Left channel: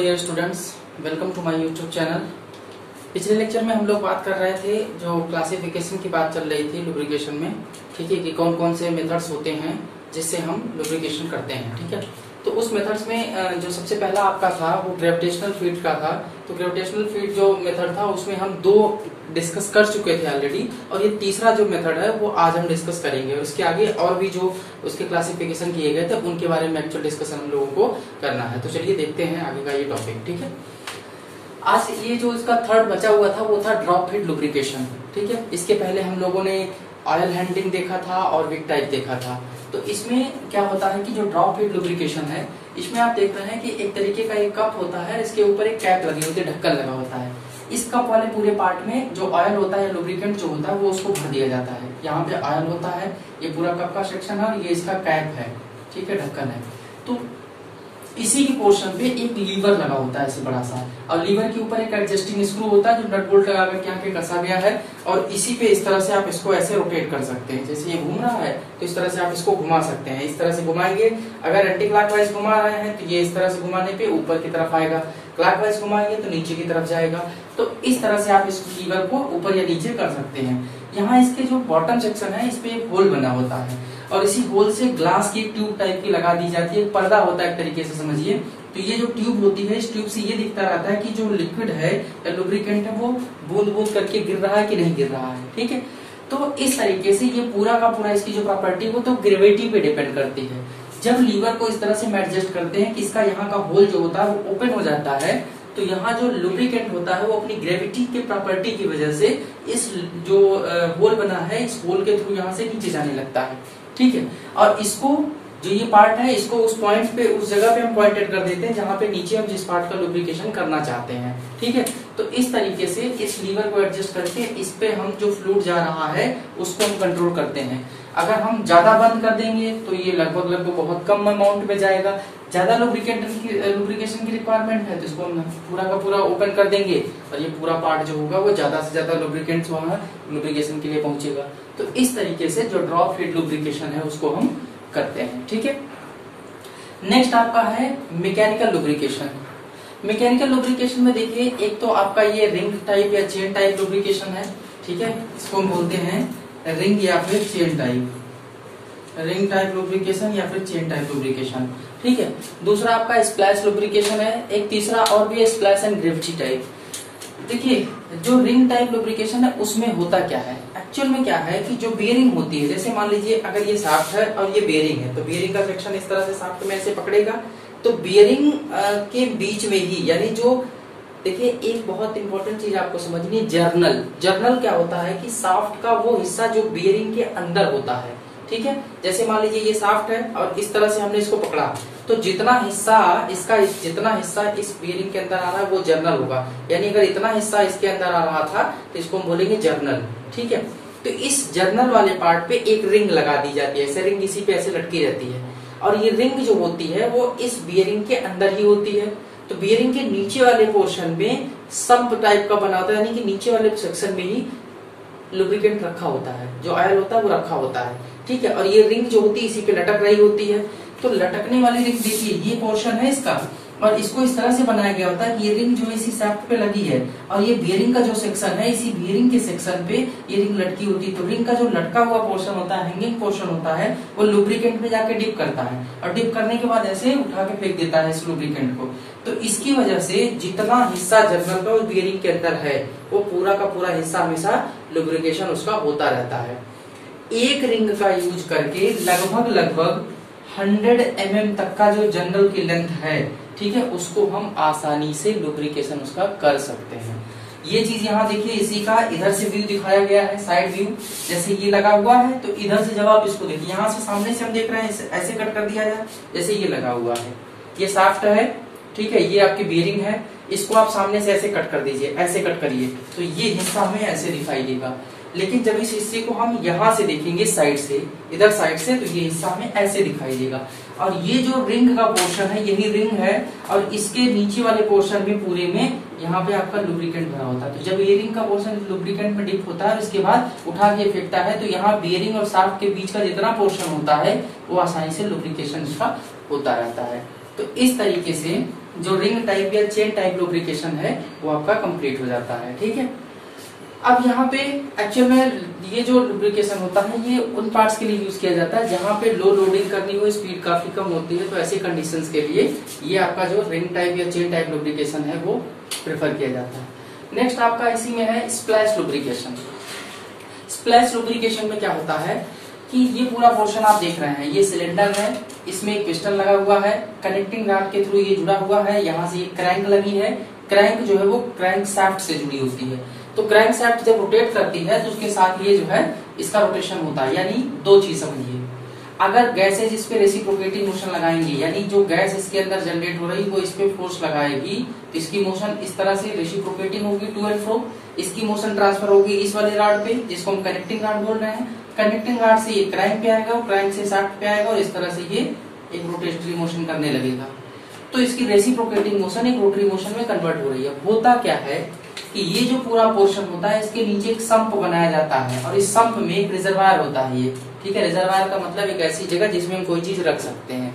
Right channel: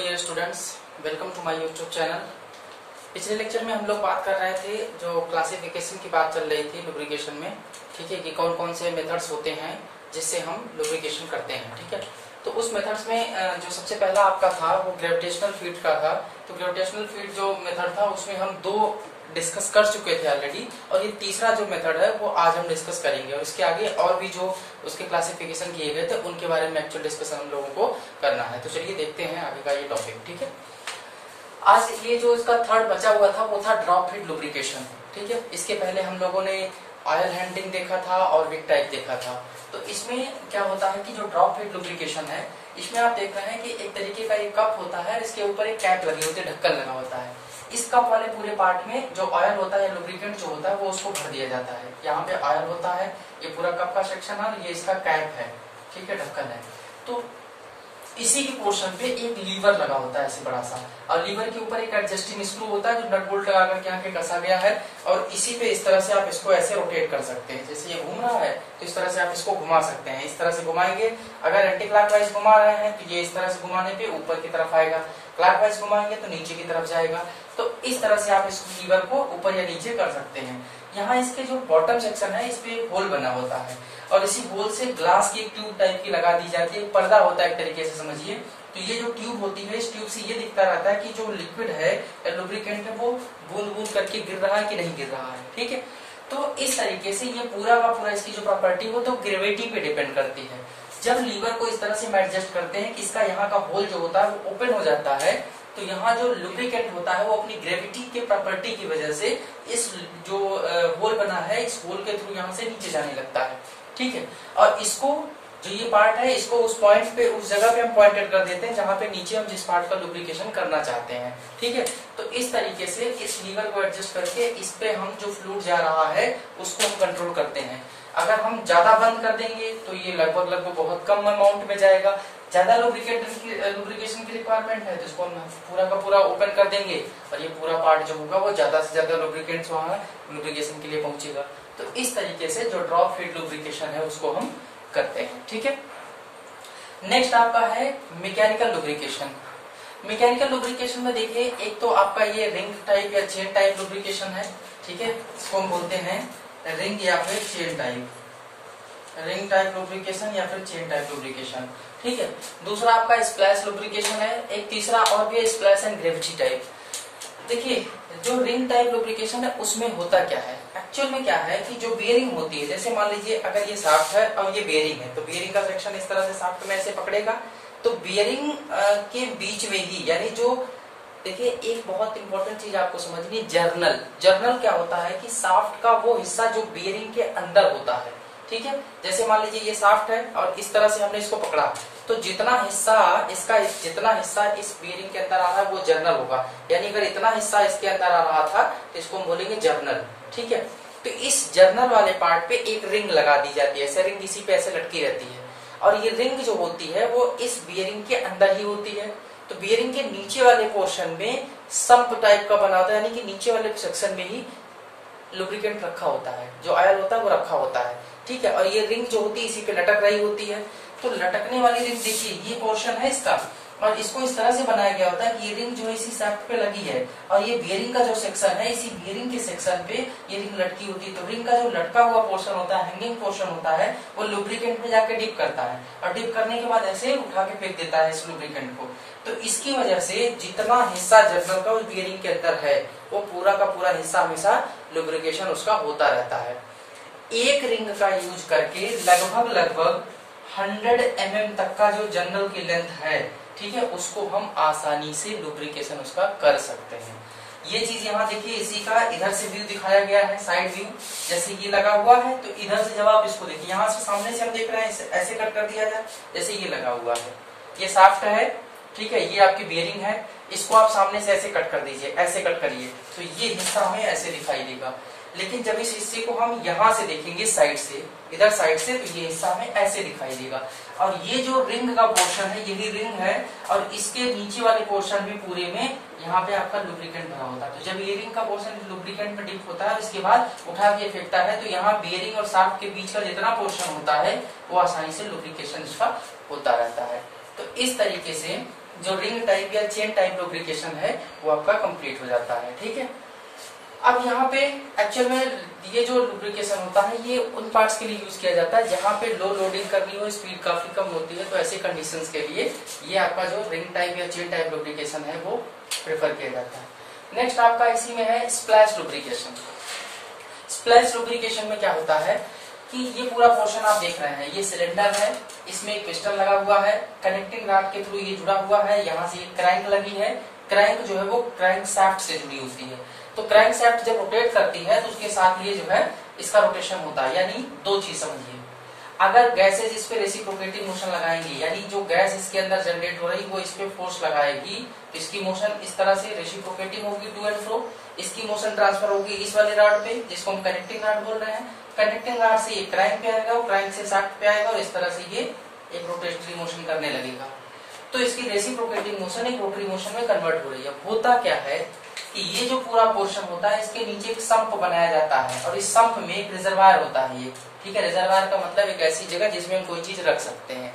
Dear students, welcome to my YouTube channel. पिछले lecture में हम लोग बात कर रहे थे, जो क्लासिफिकेशन की बात चल रही थी लुब्रिकेशन में, ठीक है, कि कौन कौन से मेथड्स होते हैं जिससे हम लुब्रिकेशन करते हैं, ठीक है। तो उस मेथड्स में जो सबसे पहला आपका था वो ग्रेविटेशनल फीड का था। तो ग्रेविटेशनल फीड जो मेथड था उसमें हम दो डिस्कस कर चुके थे ऑलरेडी, और ये तीसरा जो मेथड है वो आज हम डिस्कस करेंगे। और इसके आगे और भी जो उसके क्लासिफिकेशन किए गए थे उनके बारे में एक्चुअल डिस्कशन हम लोगों को करना है। तो चलिए देखते हैं आगे का ये टॉपिक, ठीक है। आज ये जो इसका थर्ड बचा हुआ था वो था ड्रॉप फीड लुब्रिकेशन, ठीक है। इसके पहले हम लोगों ने ऑयल हैंडलिंग देखा था और विक टाइप देखा था। तो इसमें क्या होता है कि जो ड्रॉप फीड लुब्रिकेशन है, इसमें आप देख रहे हैं कि एक तरीके का एक कप होता है, इसके ऊपर एक कैप लगी होती है, ढक्कन लगा होता है। इस कप वाले पूरे पार्ट में जो ऑयल होता है, लुब्रिकेंट जो होता है, वो उसको भर दिया जाता है। यहाँ पे ऑयल होता है, ये पूरा कप का सेक्शन है, ये इसका कैप है, ठीक है, ढक्कन है। तो इसी के पोर्शन पे एक लीवर लगा होता है ऐसे बड़ा सा, और लीवर के ऊपर एक एडजस्टिंग स्क्रू होता है जो नट बोल्ट लगा करके यहाँ पे कसा गया है। और इसी पे इस तरह से आप इसको ऐसे रोटेट कर सकते हैं। जैसे ये घूम रहा है तो इस तरह से आप इसको घुमा सकते हैं। इस तरह से घुमाएंगे, अगर एंटी क्लॉकवाइज घुमा रहे हैं तो ये इस तरह से घुमाने पे ऊपर की तरफ आएगा, क्लॉकवाइज घुमाएंगे तो नीचे की तरफ जाएगा। तो इस तरह से आप इस लीवर को ऊपर या नीचे कर सकते हैं। यहाँ इसके जो बॉटम सेक्शन है, इस पे एक होल बना होता है, और इसी होल से ग्लास की ट्यूब टाइप की लगा दी जाती है, पर्दा होता है एक तरीके से समझिए। तो ये जो ट्यूब होती है, इस ट्यूब से ये दिखता रहता है कि जो लिक्विड है या लुब्रिकेंट है वो बूंद बूंद करके गिर रहा है कि नहीं गिर रहा है, ठीक है। तो इस तरीके से ये पूरा का पूरा इसकी जो प्रॉपर्टी वो तो ग्रेविटी पे डिपेंड करती है। जब लीवर को इस तरह से हम एडजस्ट करते हैं कि इसका यहाँ का होल जो होता है वो ओपन हो जाता है, तो यहाँ जो लुब्रिकेंट होता है वो अपनी ग्रेविटी के प्रॉपर्टी की वजह से इस जो होल बना है, इस होल के थ्रू यहाँ से नीचे जाने लगता है, ठीक है। और इसको जो ये पार्ट है, इसको उस पॉइंट पे, उस जगह पे हम पॉइंटेड कर देते हैं जहां पे नीचे हम जिस पार्ट का लुब्रिकेशन करना चाहते हैं, ठीक है। तो इस तरीके से इस लीवर को एडजस्ट करके इस पे हम जो फ्लूइड जा रहा है उसको हम कंट्रोल करते हैं। अगर हम ज्यादा बंद कर देंगे तो ये लगभग बहुत कम अमाउंट में जाएगा। ज्यादा लुब्रिकेशन की रिक्वायरमेंट है तो इसको हम पूरा का पूरा ओपन कर देंगे, और ये पूरा पार्ट जो होगा वो ज्यादा से ज्यादा लुब्रिकेंट्स वहां लुब्रिकेशन के लिए पहुंचेगा। तो इस तरीके से जो ड्रॉप फीड लुब्रिकेशन है उसको हम करते हैं, ठीक है। नेक्स्ट आपका है मैकेनिकल लुब्रिकेशन। मैकेनिकल लुब्रिकेशन में देखिए, एक तो आपका ये रिंग टाइप या चेन टाइप लुब्रिकेशन है, ठीक है। इसको हम बोलते हैं रिंग या फिर chain type, ring type lubrication या फिर चेन टाइप लुब्रिकेशन, ठीक है। दूसरा आपका स्प्लैश लुब्रिकेशन है। एक तीसरा और भी है स्प्लैश एंड ग्रेविटी टाइप। देखिए, जो रिंग टाइप लुब्रिकेशन है उसमें होता क्या है, एक्चुअल में क्या है कि जो बेयरिंग होती है, जैसे मान लीजिए अगर ये शाफ्ट है और ये बेयरिंग है, तो बेयरिंग का सेक्शन इस तरह से शाफ्ट में ऐसे पकड़ेगा, तो बेयरिंग के बीच में ही, यानी जो देखिए एक बहुत इंपॉर्टेंट चीज आपको समझनी, जर्नल। जर्नल क्या होता है कि शाफ्ट का वो हिस्सा जो बेयरिंग के अंदर होता है, ठीक है। जैसे मान लीजिए ये शाफ्ट है और इस तरह से हमने इसको पकड़ा, तो जितना हिस्सा इसका, जितना हिस्सा इस बेयरिंग के अंदर आ रहा है वो जर्नल होगा। यानी अगर इतना हिस्सा इसके अंदर आ रहा था तो इसको हम बोलेंगे जर्नल, ठीक है। तो इस जर्नल वाले पार्ट पे एक रिंग लगा दी जाती है, ऐसे रिंग इसी पे ऐसे लटकी रहती है, और ये रिंग जो होती है वो इस बेयरिंग के अंदर ही होती है। तो बेयरिंग के नीचे वाले पोर्शन में सम्प टाइप का बना होता है, यानी कि नीचे वाले सेक्शन में ही लुब्रिकेंट रखा होता है, जो ऑयल होता है वो रखा होता है, ठीक है। और ये रिंग जो होती है इसी पे लटक रही होती है। तो लटकने वाली रिंग देखिए, ये पोर्शन है इसका, और इसको इस तरह से बनाया गया होता है कि ये रिंग जो है इसी शाफ्ट पे लगी है, और ये बियरिंग का जो सेक्शन है, इसी बियरिंग के सेक्शन पे ये रिंग लटकी होती है। तो रिंग का जो लटका हुआ पोर्शन होता है, हैंगिंग पोर्शन होता है, वो लुब्रिकेंट में जाके डिप करता है, और डिप करने के बाद ऐसे उठा के फेंक देता है इस लुब्रिकेंट को। तो इसकी वजह से जितना हिस्सा जर्नल का उस बियरिंग के अंदर है, वो पूरा का पूरा हिस्सा हमेशा लुब्रिकेशन उसका होता रहता है। एक रिंग का यूज करके लगभग 100 mm तक का जो जर्नल की लेंथ है, ठीक है, उसको हम आसानी से लुब्रिकेशन उसका कर सकते हैं। ये चीज यहाँ देखिए, इसी का इधर से व्यू दिखाया गया है, साइड व्यू। जैसे ये लगा हुआ है तो इधर से जब आप इसको देखिए, यहाँ से सामने से हम देख रहे हैं, ऐसे कट कर दिया जाए, जैसे ये लगा हुआ है, ये शाफ्ट है, ठीक है, ये आपकी बेयरिंग है, इसको आप सामने से ऐसे कट कर दीजिए, ऐसे कट करिए, तो ये हिस्सा हमें ऐसे दिखाई देगा। लेकिन जब इस हिस्से को हम यहाँ से देखेंगे साइड से, इधर साइड से, तो ये हिस्सा हमें ऐसे दिखाई देगा। और ये जो रिंग का पोर्शन है, यही रिंग है, और इसके नीचे वाले पोर्शन में पूरे में यहाँ पे आपका लुब्रिकेंट भरा होता है। तो जब ये रिंग का पोर्शन लुब्रिकेंट में डिप होता है, इसके बाद उठा के फेंकता है, तो यहाँ बियरिंग और शाफ्ट के बीच का जितना पोर्शन होता है वो आसानी से लुब्रिकेशन इसका होता रहता है। तो इस तरीके से जो रिंग टाइप या चेन टाइप लुब्रिकेशन है वो आपका कंप्लीट हो जाता है। ठीक है, अब यहाँ पे एक्चुअल में ये जो लुब्रिकेशन होता है ये उन पार्ट्स के लिए यूज किया जाता है जहां पे लो लोडिंग करनी हो, स्पीड काफी कम होती है, तो ऐसे कंडीशंस के लिए ये आपका जो रिंग टाइप या चेन टाइप लुब्रिकेशन है वो प्रेफर किया जाता है। नेक्स्ट आपका इसी में है स्प्लैश लुब्रिकेशन। स्प्लैश लुब्रिकेशन में क्या होता है कि ये पूरा पोर्शन आप देख रहे हैं, ये सिलेंडर है, इसमें एक पिस्टन लगा हुआ है, कनेक्टिंग रॉड के थ्रू ये जुड़ा हुआ है, यहाँ से एक क्रैंक लगी है, क्रैंक जो है वो क्रैंक शाफ्ट से जुड़ी होती है। तो क्रैंक शाफ्ट जब रोटेट करती है तो उसके साथ ये जो है इसका रोटेशन होता है। यानी दो चीज समझिए, अगर गैसेज इस पे रेसिप्रोकेटिंग मोशन लगाएंगे, यानी जो गैस इसके अंदर जनरेट हो रही वो इस पे फोर्स लगाएगी, तो इसकी मोशन इस तरह से रेसिप्रोकेटिंग होगी टू एंड फ्रो, इसकी मोशन ट्रांसफर होगी इस वाले रॉड पे जिसको हम कनेक्टिंग रॉड बोल रहे हैं, कनेक्टिंग रॉड से ये क्रैंक पे आएगा, क्रैंक से शाफ्ट पे आएगा और इस तरह से ये एक रोटेटरी मोशन करने लगेगा। तो इसकी रेसिप्रोकेटिंग मोशन एक रोटरी मोशन में कन्वर्ट हो रही है। होता क्या है कि ये जो पूरा पोर्शन होता है इसके नीचे एक सम्प बनाया जाता है और इस सम्प में एक रिजर्वायर होता है ये। ठीक है, रिजर्वायर का मतलब एक ऐसी जगह जिसमें हम कोई चीज रख सकते हैं।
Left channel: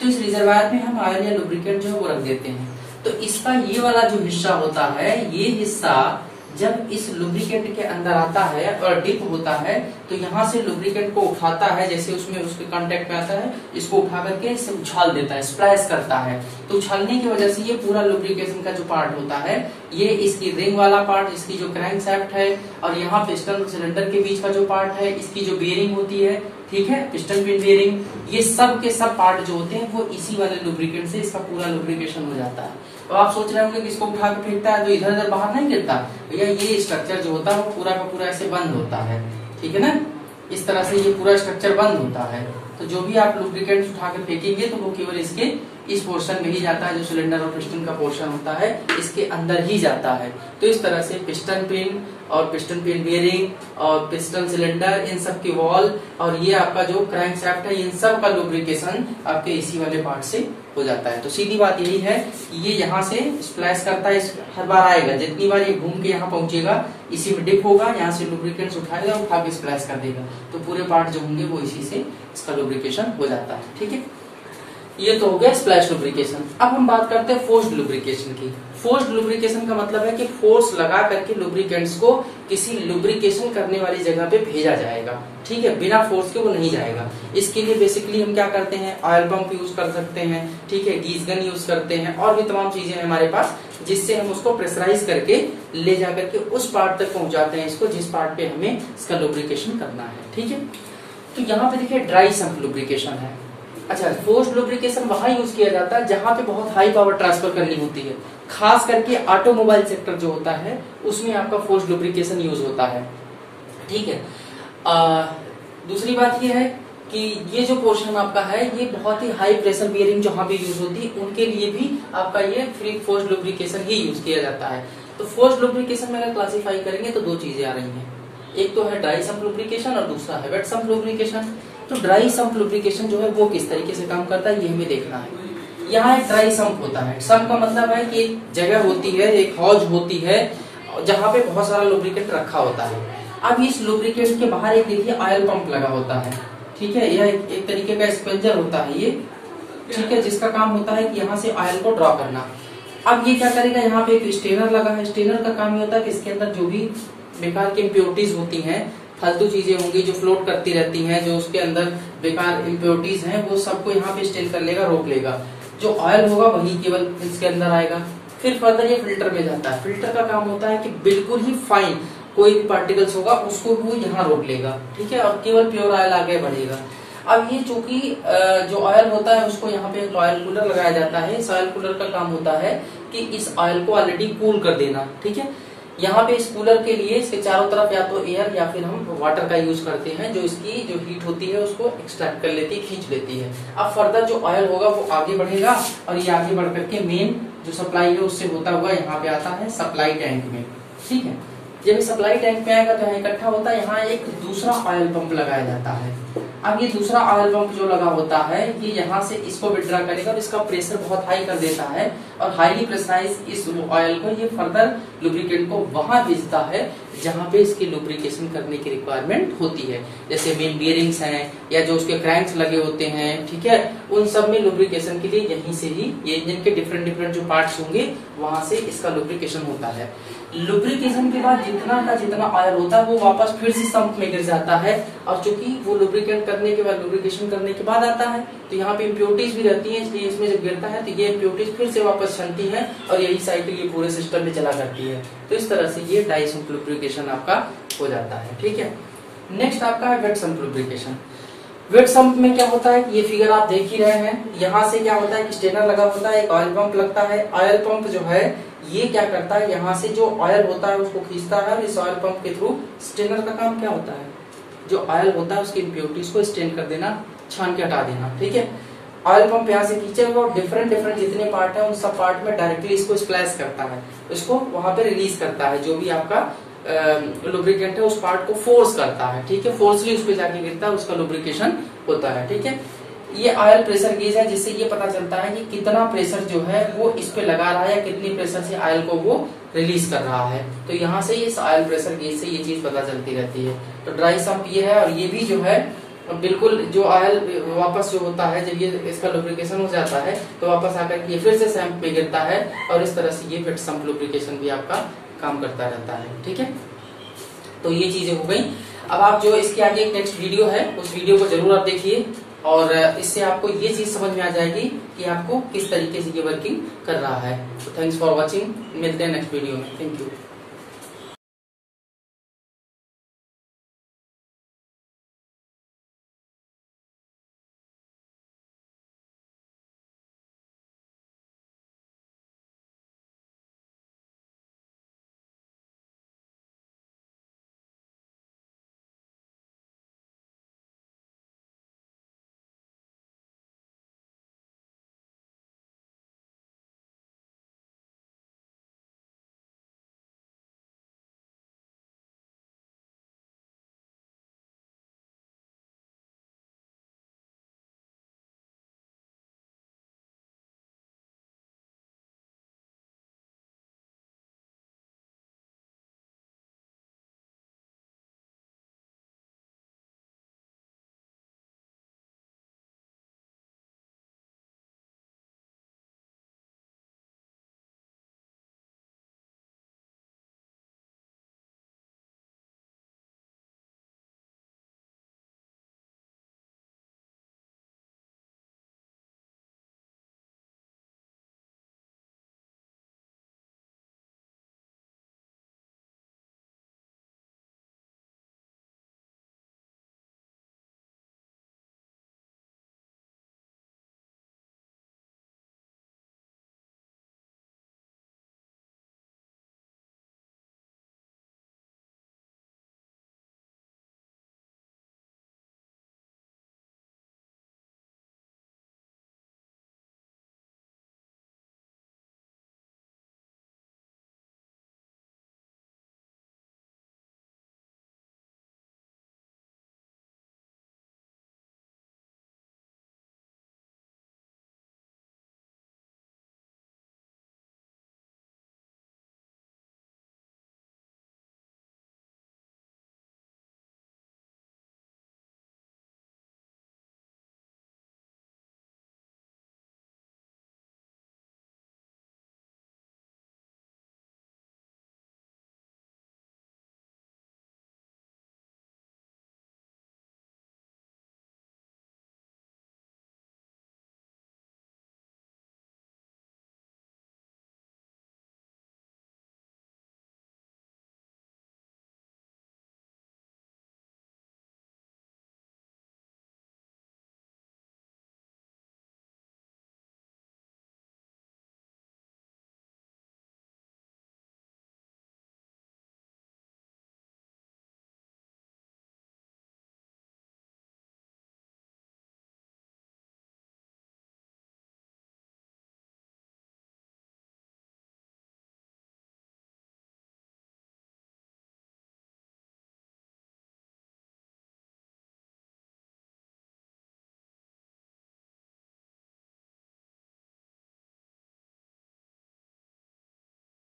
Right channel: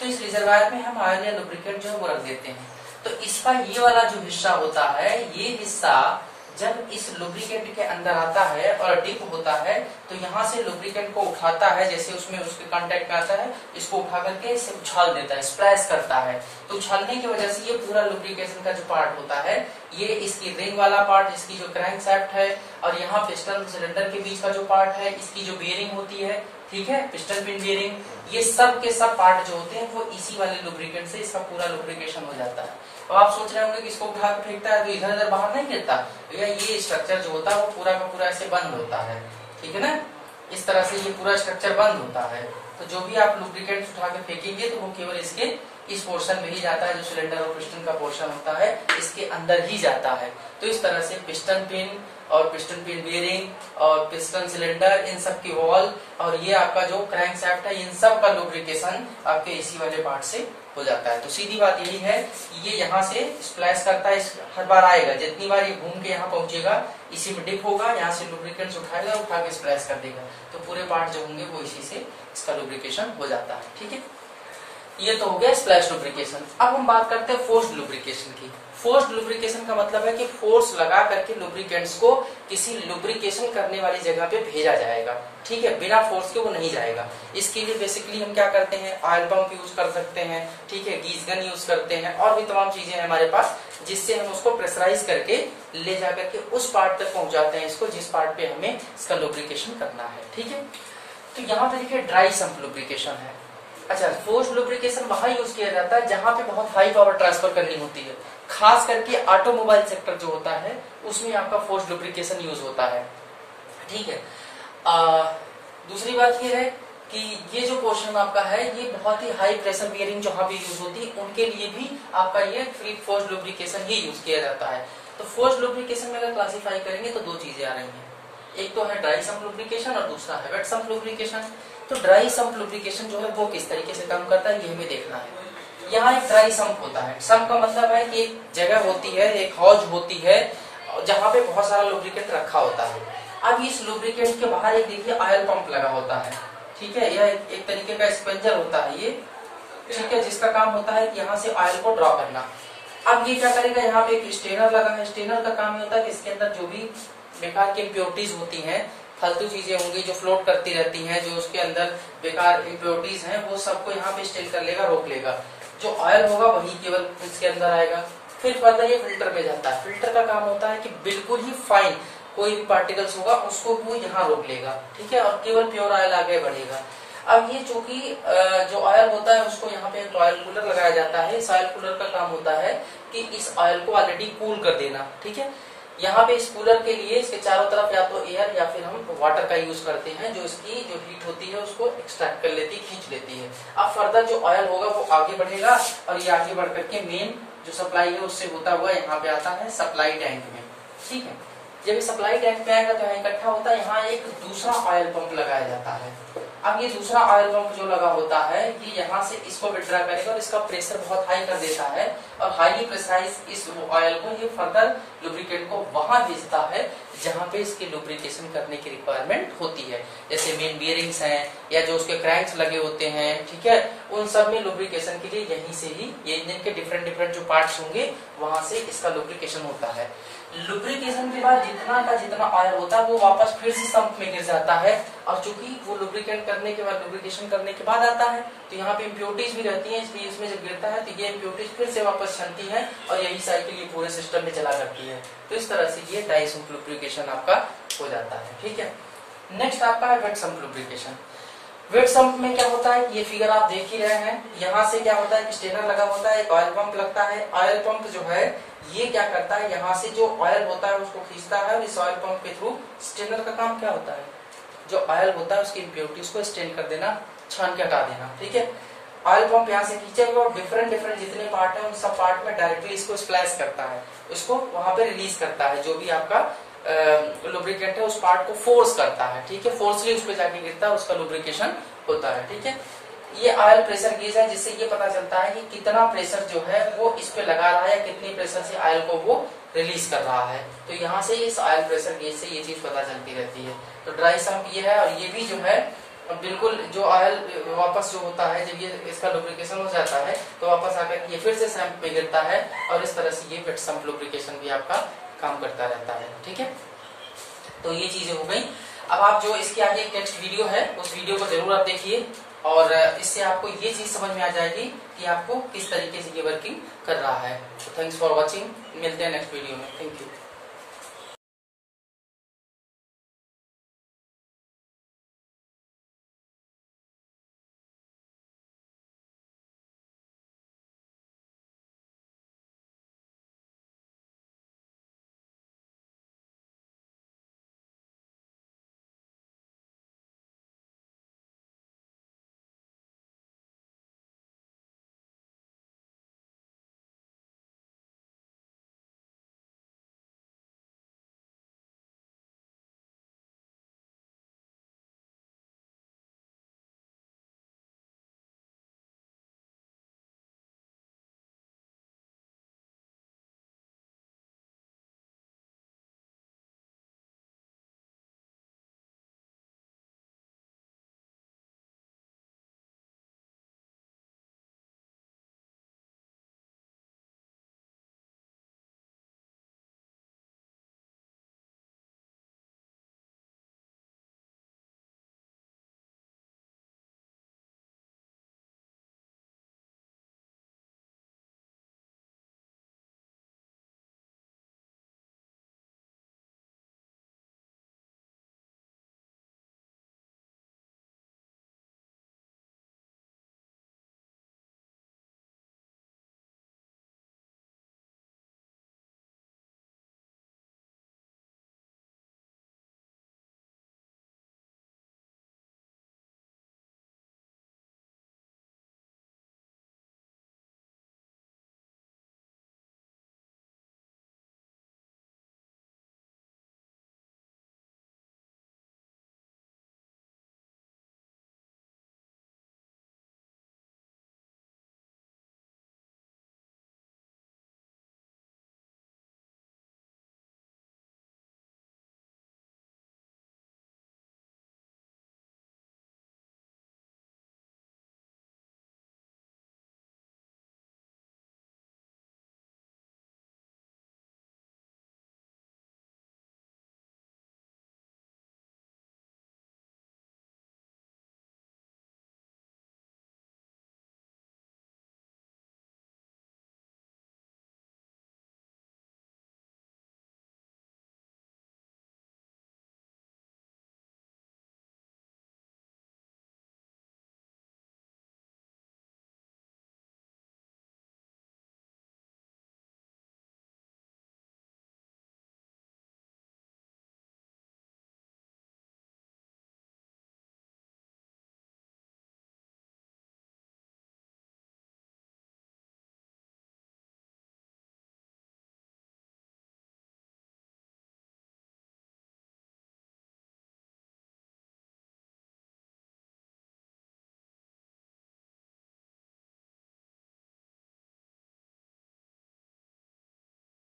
तो इस रिजर्वायर में हम ऑयल या लुब्रिकेंट जो है वो रख देते हैं। तो इसका ये वाला जो हिस्सा होता है, ये हिस्सा जब इस लुब्रिकेंट के अंदर आता है और डिप होता है तो यहाँ से लुब्रिकेंट को उठाता है, जैसे उसमें उसके कांटेक्ट में आता है, इसको उठा करके उछाल देता है, स्प्लैश करता है। तो उछालने की वजह से ये पूरा लुब्रिकेशन का जो पार्ट होता है, ये इसकी रिंग वाला पार्ट, इसकी जो क्रैंक शाफ्ट है और यहाँ पिस्टन सिलेंडर के बीच का जो पार्ट है, इसकी जो बियरिंग होती है, ठीक है, पिस्टन पिन बियरिंग, ये सब के सब पार्ट जो होते हैं वो इसी वाले लुब्रिकेंट से इसका पूरा लुब्रिकेशन हो जाता है। तो आप सोच रहे होंगे कि इसको उठा के फेंकता है तो इधर उधर बाहर नहीं गिरता, भैया ये स्ट्रक्चर जो होता है वो पूरा का पूरा ऐसे बंद होता है। ठीक है ना, इस तरह से ये पूरा स्ट्रक्चर बंद होता है। तो जो भी आप लुब्रिकेंट उठा के फेंकेंगे तो वो केवल इसके इस पोर्शन में ही जाता है, जो सिलेंडर और पिस्टन का पोर्शन होता है इसके अंदर ही जाता है। तो इस तरह से पिस्टन पिन और पिस्टन पिन बियरिंग और पिस्टन सिलेंडर, इन सब की वॉल और ये आपका जो क्रैंक शाफ्ट है, इन सब का लुब्रिकेशन आपके इसी वाले पार्ट से हो जाता है। तो सीधी बात यही है कि ये यहाँ से स्प्लैश करता है, हर बार आएगा, जितनी बार ये घूम के यहाँ पहुंचेगा इसी में डिप होगा, यहाँ से लुब्रिकेंट्स उठाएगा, उठा के स्प्लैश कर देगा। तो पूरे पार्ट जो होंगे वो इसी से इसका लुब्रिकेशन हो जाता है। ठीक है, ये तो हो गया स्प्लैश लुब्रिकेशन। अब हम बात करते हैं फोर्स्ड लुब्रिकेशन की। फोर्स्ड लुब्रिकेशन का मतलब है कि फोर्स लगा करके लुब्रिकेंट्स को किसी लुब्रिकेशन करने वाली जगह पे भेजा जाएगा। ठीक है, बिना फोर्स के वो नहीं जाएगा। इसके लिए बेसिकली हम क्या करते हैं, ऑयल पंप यूज कर सकते हैं, ठीक है, गीज गन यूज करते हैं और भी तमाम चीजें हैं हमारे पास जिससे हम उसको प्रेशराइज करके ले जाकर के उस पार्ट तक पहुंचाते हैं इसको जिस पार्ट पे हमें इसका लुब्रिकेशन करना है। ठीक है, तो यहाँ पे देखिए ड्राई सम्प लुब्रिकेशन है। अच्छा, फोर्स्ड लुब्रिकेशन वहां यूज किया जाता है जहां पे बहुत हाई पावर ट्रांसफर करनी होती है, खास करके ऑटोमोबाइल सेक्टर जो होता है उसमें आपका फोर्स्ड लुब्रिकेशन यूज होता है। ठीक है, दूसरी बात ये है कि ये जो पोर्शन आपका है ये बहुत ही हाई प्रेशर बियरिंग जहां भी यूज होती है उनके लिए भी आपका ये फ्री फोर्स्ड लुब्रिकेशन ही यूज किया जाता है। तो फोर्स्ड लुब्रिकेशन में अगर क्लासीफाई करेंगे तो दो चीजें आ रही हैं, एक तो है ड्राई सम्प लुब्रिकेशन और दूसरा है वेट सम्प लुब्रिकेशन। तो ड्राई सम्प लुब्रिकेशन जो है वो किस तरीके से काम करता है ये हमें देखना है। यहाँ एक ड्राई सम्प होता है, सम्प का मतलब है कि एक जगह होती है, एक हौज होती है जहाँ पे बहुत सारा लुब्रिकेंट रखा होता है। अब इस लुब्रिकेंट के बाहर एक देखिए ऑयल पंप लगा होता है। ठीक है, यह एक तरीके का स्पंजर होता है ये, ठीक है, जिसका काम होता है कि यहाँ से ऑयल को ड्रॉ करना। अब ये क्या करेगा, यहाँ पे एक स्टेनर लगा है, स्टेनर का काम ये होता है कि इसके अंदर जो भी बेकार की इम्प्योरिटीज होती हैं, फालतू चीजें होंगी जो फ्लोट करती रहती हैं, जो उसके अंदर बेकार इम्प्योरिटीज हैं, वो सबको यहाँ पे स्टेन कर लेगा, रोक लेगा। जो ऑयल होगा वही केवल इसके अंदर आएगा। फिर फर्दर ये फिल्टर में जाता है। फिल्टर का काम होता है कि बिल्कुल ही फाइन कोई भी पार्टिकल्स होगा उसको वो यहाँ रोक लेगा। ठीक है, और केवल प्योर ऑयल आगे बढ़ेगा। अब ये चूंकि जो ऑयल होता है उसको यहाँ पे एक ऑयल कूलर लगाया जाता है। इस ऑयल कूलर का काम होता है कि इस ऑयल को ऑलरेडी कूल कर देना। ठीक है, यहाँ पे इस कूलर के लिए इसके चारों तरफ या तो एयर या फिर हम वाटर का यूज करते हैं, जो इसकी जो हीट होती है उसको एक्सट्रैक्ट कर लेती है, खींच लेती है। अब फर्दर जो ऑयल होगा वो आगे बढ़ेगा और ये आगे बढ़ करके मेन जो सप्लाई है उससे होता हुआ यहाँ पे आता है सप्लाई टैंक में। ठीक है, जब ये सप्लाई टैंक में आएगा तो यहाँ इकट्ठा होता है, यहाँ एक दूसरा ऑयल पंप लगाया जाता है। अब ये दूसरा ऑयल पंप जो लगा होता है ये यहाँ से इसको विड्रा करेगा और इसका प्रेशर बहुत हाई कर देता है और हाईली प्रेशराइज इस ऑयल को ये फर्दर लुब्रिकेंट को वहां भेजता है जहाँ पे इसकी लुब्रिकेशन करने की रिक्वायरमेंट होती है, जैसे मेन बियरिंग्स हैं या जो उसके क्रैंक्स लगे होते हैं, ठीक है, उन सब में लुब्रिकेशन के लिए यहीं से ही ये इंजन के डिफरेंट डिफरेंट जो पार्ट्स होंगे वहां से इसका लुब्रिकेशन होता है। लुब्रिकेशन के बाद जितना का जितना ऑयल होता है वो वापस फिर से संप में गिर जाता है, और चूंकि वो लुब्रिकेट करने के बाद लुब्रिकेशन करने के बाद आता है तो यहाँ पे इम्प्योरिटीज भी रहती हैं, इसलिए इसमें जब गिरता है तो ये इम्प्योरिटीज फिर से वापस छनती है और यही साइकिल ये पूरे सिस्टम में चला करती है। तो इस तरह से ये डाई सम्प लुब्रिकेशन आपका हो जाता है। ठीक है, नेक्स्ट आपका है wet sump lubrication. Wet sump में क्या होता है, ये फिगर आप देख ही रहे हैं, यहाँ से क्या होता है कि स्टेनर लगा होता है, एक ऑयल पंप लगता है। ऑयल पंप जो है ये क्या करता है, यहाँ से जो ऑयल होता है उसको खींचता है, और इस ऑयल पंप के थ्रू स्टेनर का काम क्या होता है, जो ऑयल होता है उसकी इम्प्योरिटीज को स्टेन कर देना, छान के हटा देना। ठीक है, ऑयल पंप यहाँ से खींचेगा और डिफरेंट डिफरेंट जितने पार्ट है उन सब पार्ट में डायरेक्टली इसको स्प्लैश करता है, इसको वहां पे रिलीज करता है, जो भी आपका लुब्रिकेंट है उस पार्ट को फोर्स करता है। ठीक है, फोर्सली उस पर जाके गिरता है, उसका लुब्रिकेशन होता है। ठीक है, ये ऑयल प्रेशर गेज है, जिससे ये पता चलता है कि कितना प्रेशर जो है वो इस पे लगा रहा है या कितनी प्रेशर से ऑयल को वो रिलीज कर रहा है। तो यहाँ से इस ऑयल प्रेशर गेज से ये चीज पता चलती रहती है। तो ड्राई सम्प ये है, और ये भी जो है बिल्कुल जो ऑयल वापस जो होता है जब ये इसका लुब्रिकेशन हो जाता है तो वापस आकर ये फिर से सम्प में गिरता है, और इस तरह से ये वेट सम्प लुब्रिकेशन भी आपका काम करता रहता है। ठीक है, तो ये चीजें हो गई। अब आप जो इसके आगे एक नेक्स्ट वीडियो है उस वीडियो को जरूर आप देखिए, और इससे आपको ये चीज समझ में आ जाएगी कि आपको किस तरीके से ये वर्किंग कर रहा है। तो थैंक्स फॉर वॉचिंग, मिलते हैं नेक्स्ट वीडियो में। Thank you.